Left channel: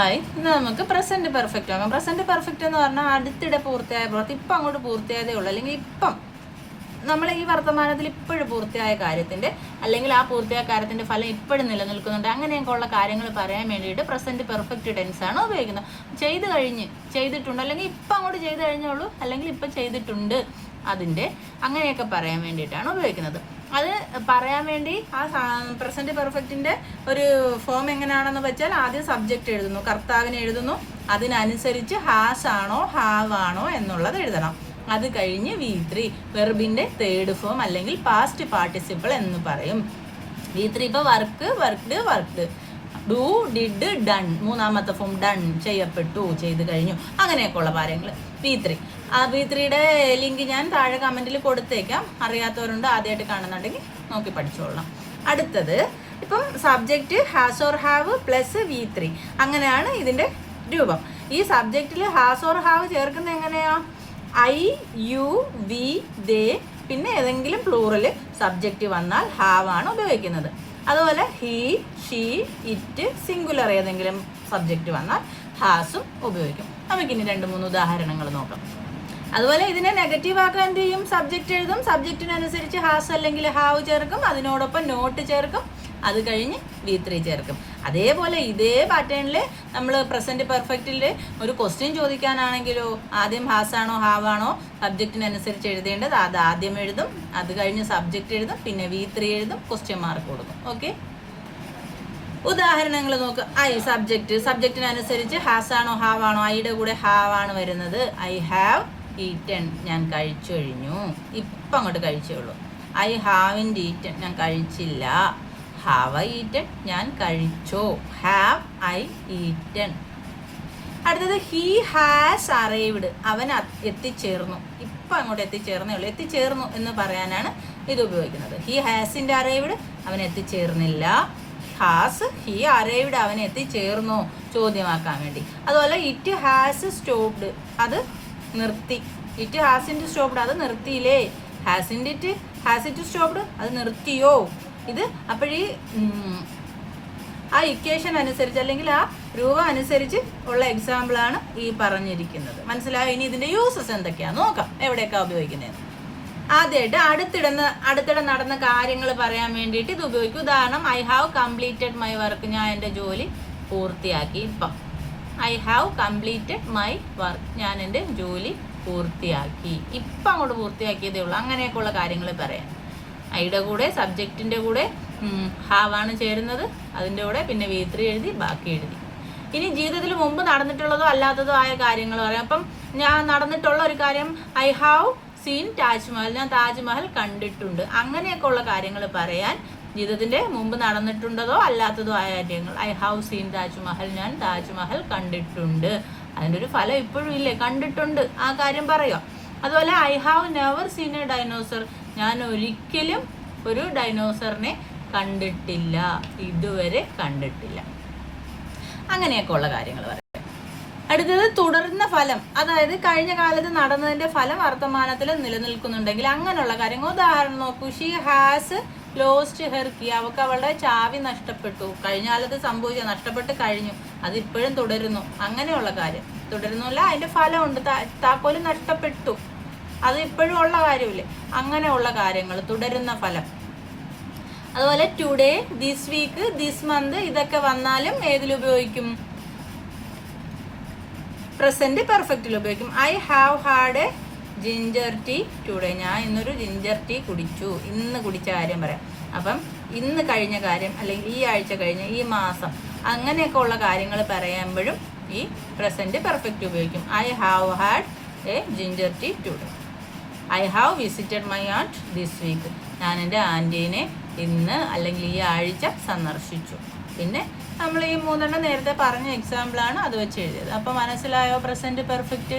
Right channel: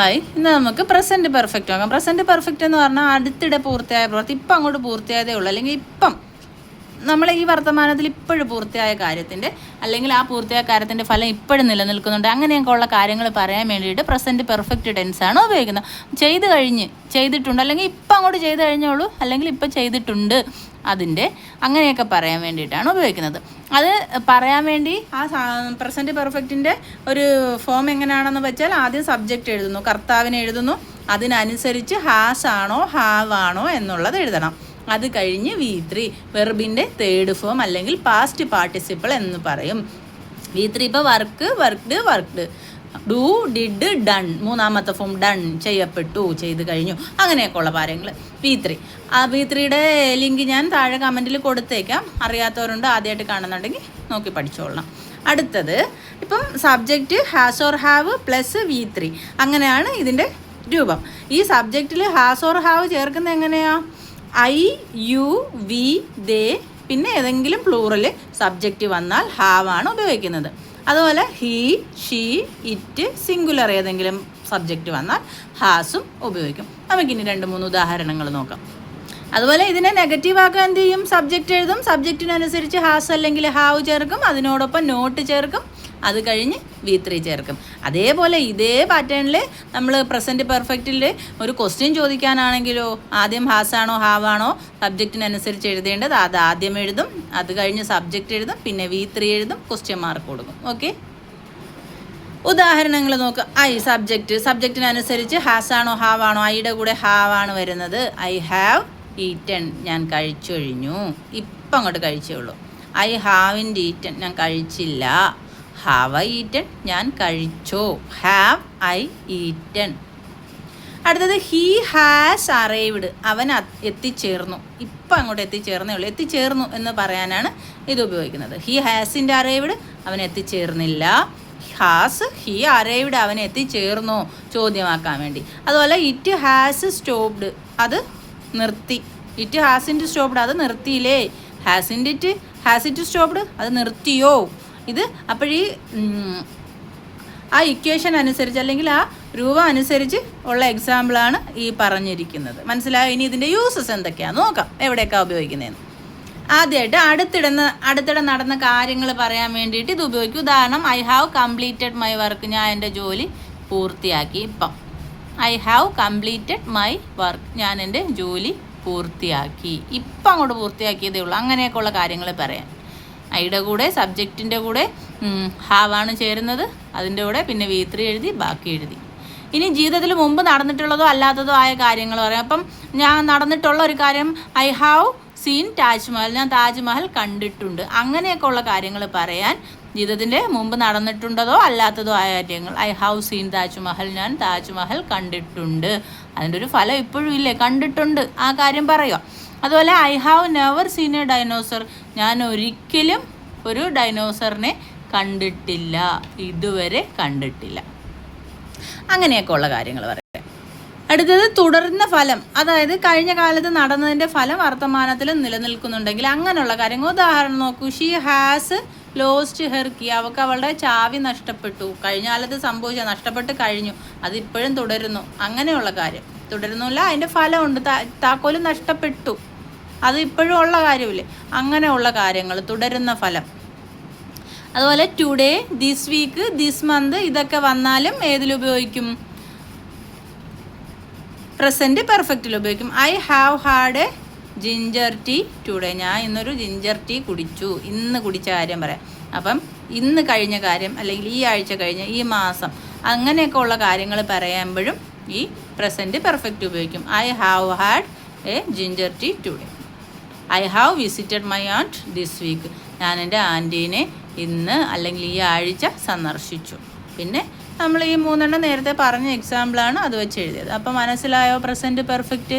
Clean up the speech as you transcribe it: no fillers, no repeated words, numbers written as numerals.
Hi, ഇന്ന് നമുക്ക് present perfect നോക്കാം. പ്രസൻറ്റ് പെർഫെക്റ്റ് എന്ന് പറഞ്ഞാൽ അടുത്തിടെ പൂർത്തിയായ പ്രവൃത്തി, ഇപ്പം അങ്ങോട്ട് പൂർത്തിയായതേ ഉള്ളൂ, അല്ലെങ്കിൽ ഇപ്പം നമ്മളെ ഈ വർത്തമാനത്തിൽ ഇപ്പോഴും പൂർത്തിയായ കാര്യത്തിൻ്റെ അല്ലെങ്കിൽ ആ പൂർത്തിയായ കാര്യത്തിൻ്റെ ഫലം ഇപ്പോഴും നിലനിൽക്കുന്നുണ്ട്. അങ്ങനെയൊക്കെ ഉള്ള കാര്യങ്ങൾ പറയാൻ വേണ്ടിയിട്ട് പ്രസൻറ്റ് പെർഫെക്റ്റ് ടെൻസാണ് ഉപയോഗിക്കുന്നത്. ചെയ്ത് കഴിഞ്ഞ്, ചെയ്തിട്ടുണ്ട്, അല്ലെങ്കിൽ ഇപ്പം അങ്ങോട്ട് ചെയ്ത് കഴിഞ്ഞോളൂ, അല്ലെങ്കിൽ ഇപ്പം ചെയ്തിട്ടുണ്ട്, അതിൻ്റെ അങ്ങനെയൊക്കെ പറയാൻ വേണ്ടിയിട്ടാണ് ഉപയോഗിക്കുന്നത്. അത് പറയാൻ വേണ്ടി ആ പ്രസൻറ്റ് പെർഫെക്റ്റിൻ്റെ ഒരു ഫോം എങ്ങനെയാണെന്ന് വെച്ചാൽ ആദ്യം സബ്ജക്റ്റ് എഴുതുന്നു, കർത്താവിനെ എഴുതുന്നു, അതിനനുസരിച്ച് ഹാസ് ആണോ ഹാവ് ആണോ എന്നുള്ളത് എഴുതണം. അത് കഴിഞ്ഞ് V3 വെർബിൻ്റെ തേർഡ് ഫോം അല്ലെങ്കിൽ പാസ്റ്റ് പാർട്ടിസിപ്പിൾ എന്ന് പറയും. V3 ഇപ്പോൾ work, worked, worked, do, did, done, മൂന്നാമത്തെ ഫോം ഡൺ, ചെയ്യപ്പെട്ടു, ചെയ്ത് കഴിഞ്ഞു, അങ്ങനെയൊക്കെ ഉള്ള കാര്യങ്ങൾ V3. ആ V3യുടെ ലിങ്ക് ഞാൻ താഴെ കമൻറ്റിൽ കൊടുത്തേക്കാം. അറിയാത്തവരുണ്ട്, ആദ്യമായിട്ട് കാണുന്നുണ്ടെങ്കിൽ നോക്കി പഠിച്ചോളണം. അടുത്തത് ഇപ്പം subject has or have plus V3, അങ്ങനെയാണ് ഇതിൻ്റെ രൂപം. ഈ സബ്ജക്റ്റിൽ ഹാസ് ഓർ ഹാവ് ചേർക്കുന്നത് എങ്ങനെയാണ്? I, you, we, they, പിന്നെ ഏതെങ്കിലും പ്ലൂറൽ സബ്ജക്റ്റ് വന്നാൽ ഹാവ് ആണ് ഉപയോഗിക്കുന്നത്. അതുപോലെ ഹീ, ഷീ, ഇറ്റ്, സിംഗുലർ ഏതെങ്കിലും സബ്ജക്റ്റ് വന്നാൽ ഹാസും ഉപയോഗിക്കും. നമുക്കിനി 2-3 ഉദാഹരണങ്ങൾ നോക്കാം. അതുപോലെ ഇതിനെ നെഗറ്റീവ് ആക്കാൻ എന്ത് ചെയ്യും? സബ്ജക്റ്റ് എഴുതും, സബ്ജക്റ്റിനനുസരിച്ച് ഹാസ് അല്ലെങ്കിൽ ഹാവ് ചേർക്കും, അതിനോടൊപ്പം നോട്ട് ചേർക്കും, അത് കഴിഞ്ഞ് V3 ചേർക്കും. അതേപോലെ ഇതേ പാറ്റേണിൽ നമ്മൾ പ്രസൻറ്റ് പെർഫെക്റ്റിൽ ഒരു ക്വസ്റ്റ്യൻ ചോദിക്കാനാണെങ്കിലോ ആദ്യം ഹാസാണോ ഹാവാണോ സബ്ജക്റ്റിനനുസരിച്ച് എഴുതേണ്ടത്, അത് ആദ്യം എഴുതും, അത് കഴിഞ്ഞ് സബ്ജക്റ്റ് എഴുതും, പിന്നെ V3 എഴുതും, ക്വസ്റ്റ്യൻ മാർക്ക് കൊടുക്കും. ഓക്കെ, ഉദാഹരണങ്ങൾ നോക്കുക. സബ്ജക്റ്റിനനുസരിച്ച് ഹാസാണോ ഹാവാണോ? ഐയുടെ കൂടെ ഹാവാണ് വരുന്നത്. ഐ ഹാവ് ഈറ്റൺ, ഞാൻ കഴിച്ചു കഴിഞ്ഞു, ഇപ്പം അങ്ങോട്ട് കഴിച്ചേ ഉള്ളൂ. ഐ ഹാവിൻ്റ് ഈറ്റൺ, ഞാൻ കഴിച്ചില്ല. ഹാവ് ഐ ഈറ്റൺ, ഞാൻ കഴിച്ചു. Have I eaten. അടുത്തത് ഹീ ഹാസ് അറൈവ്ഡ്, അവൻ എത്തിച്ചേർന്നു, ഇപ്പം അങ്ങോട്ട് എത്തിച്ചേർന്നേ ഉള്ളൂ. എത്തിച്ചേർന്നു എന്ന് പറയാനാണ് ഇത് ഉപയോഗിക്കുന്നത്. ഹീ ഹാസിൻ്റെ അറൈവ്ഡ്, അവൻ എത്തിച്ചേർന്നില്ല. ഹാസ് ഹീ അറൈവ്ഡ്, അവൻ എത്തിച്ചേർന്നു, ചോദ്യമാക്കാൻ വേണ്ടി. അതുപോലെ ഇറ്റ് ഹാസ് സ്റ്റോപ്ഡ്, അത് നിർത്തി. ഇറ്റ് ഹാസിൻ്റെ സ്റ്റോപ്ഡ്, അത് നിർത്തിയില്ലേ. ഹാസ് ഇറ്റ് സ്റ്റോപ്ഡ്, അത് നിർത്തിയോ. ഇത് അപ്പോഴീ ആ ഇക്വേഷൻ അനുസരിച്ച് അല്ലെങ്കിൽ ആ രൂപം അനുസരിച്ച് ഉള്ള എക്സാമ്പിളാണ് ഈ പറഞ്ഞിരിക്കുന്നത്. മനസ്സിലായോ? ഇനി ഇതിൻ്റെ യൂസസ് എന്തൊക്കെയാണെന്ന് നോക്കാം, എവിടെയൊക്കെയാണ് ഉപയോഗിക്കുന്നതെന്ന്. ആദ്യമായിട്ട് അടുത്തിടെ നടന്ന കാര്യങ്ങൾ പറയാൻ വേണ്ടിയിട്ട് ഇത് ഉപയോഗിക്കും. ഉദാഹരണം, I have completed my work, ഞാൻ എൻ്റെ ജോലി പൂർത്തിയാക്കി. ഇപ്പം I have completed my work, ഞാൻ എൻ്റെ ജോലി പൂർത്തിയാക്കി, ഇപ്പം അങ്ങോട്ട് പൂർത്തിയാക്കിയതേ ഉള്ളൂ. അങ്ങനെയൊക്കെയുള്ള കാര്യങ്ങൾ പറയാൻ ഐയുടെ കൂടെ സബ്ജക്റ്റിൻ്റെ കൂടെ ഹാവാണ് ചേരുന്നത്, അതിൻ്റെ കൂടെ പിന്നെ V3 എഴുതി, ബാക്കി എഴുതി. ഇനി ജീവിതത്തിൽ മുമ്പ് നടന്നിട്ടുള്ളതോ അല്ലാത്തതോ ആയ കാര്യങ്ങൾ പറയാം. അപ്പം ഞാൻ നടന്നിട്ടുള്ള ഒരു കാര്യം, ഐ ഹാവ് സീൻ താജ്മഹൽ, ഞാൻ താജ്മഹൽ കണ്ടിട്ടുണ്ട്. അങ്ങനെയൊക്കെ ഉള്ള കാര്യങ്ങൾ പറയാൻ ജീവിതത്തിൻ്റെ മുമ്പ് നടന്നിട്ടുണ്ടതോ അല്ലാത്തതോ ആയ കാര്യങ്ങൾ. ഐ ഹാവ് സീൻ താജ്മഹൽ, ഞാൻ താജ്മഹൽ കണ്ടിട്ടുണ്ട്. അതിൻ്റെ ഒരു ഫലം ഇപ്പോഴും ഇല്ലേ, കണ്ടിട്ടുണ്ട്, ആ കാര്യം പറയാം. അതുപോലെ I have never seen a dinosaur, ഞാൻ ഒരിക്കലും ഒരു ഡൈനോസറിനെ കണ്ടിട്ടില്ല, ഇതുവരെ കണ്ടിട്ടില്ല. അങ്ങനെയൊക്കെ ഉള്ള കാര്യങ്ങൾ പറയാം. അടുത്തത് തുടർന്ന ഫലം, അതായത് കഴിഞ്ഞ കാലത്ത് നടന്നതിൻ്റെ ഫലം വർത്തമാനത്തിൽ നിലനിൽക്കുന്നുണ്ടെങ്കിൽ അങ്ങനെയുള്ള കാര്യങ്ങൾ. ഉദാഹരണം നോക്കൂ. She has lost her key, അവൾക്ക് അവളുടെ ചാവി നഷ്ടപ്പെട്ടു. കഴിഞ്ഞ കാലത്ത് സംഭവിച്ച, നഷ്ടപ്പെട്ട് കഴിഞ്ഞു, അതിപ്പോഴും തുടരുന്നു. അങ്ങനെയുള്ള കാര്യം. തുടരുന്നില്ല, അതിൻ്റെ ഫലമുണ്ട്, താക്കോല് നഷ്ടപ്പെട്ടു, അത് ഇപ്പോഴും ഉള്ള കാര്യമില്ലേ, അങ്ങനെയുള്ള കാര്യങ്ങൾ, തുടരുന്ന ഫലം. അതുപോലെ today, this week, this month, ഇതൊക്കെ വന്നാലും ഏതിലുപയോഗിക്കും? പ്രസൻറ്റ് പെർഫെക്റ്റിൽ ഉപയോഗിക്കും. I have had a ginger tea today, ഞാൻ ഇന്നൊരു ജിഞ്ചർ ടീ കുടിച്ചു. ഇന്ന് കുടിച്ച കാര്യം പറയാം. അപ്പം ഇന്ന് കഴിഞ്ഞ കാര്യം, അല്ലെങ്കിൽ ഈ ആഴ്ച കഴിഞ്ഞ, ഈ മാസം, അങ്ങനെയൊക്കെ ഉള്ള കാര്യങ്ങൾ പറയുമ്പോഴും ഈ പ്രസൻറ്റ് പെർഫെക്റ്റ് ഉപയോഗിക്കും. I have had a ginger tea today. I have visited my aunt this week, ഞാൻ എൻ്റെ ആൻറ്റീനെ ഇന്ന് അല്ലെങ്കിൽ ഈ ആഴ്ച സന്ദർശിച്ചു. പിന്നെ നമ്മൾ ഈ 3 നേരത്തെ പറഞ്ഞ എക്സാമ്പിളാണ് അത് വെച്ച് എഴുതിയത്. അപ്പോൾ മനസ്സിലായോ പ്രസൻറ്റ് പെർഫെക്റ്റ്?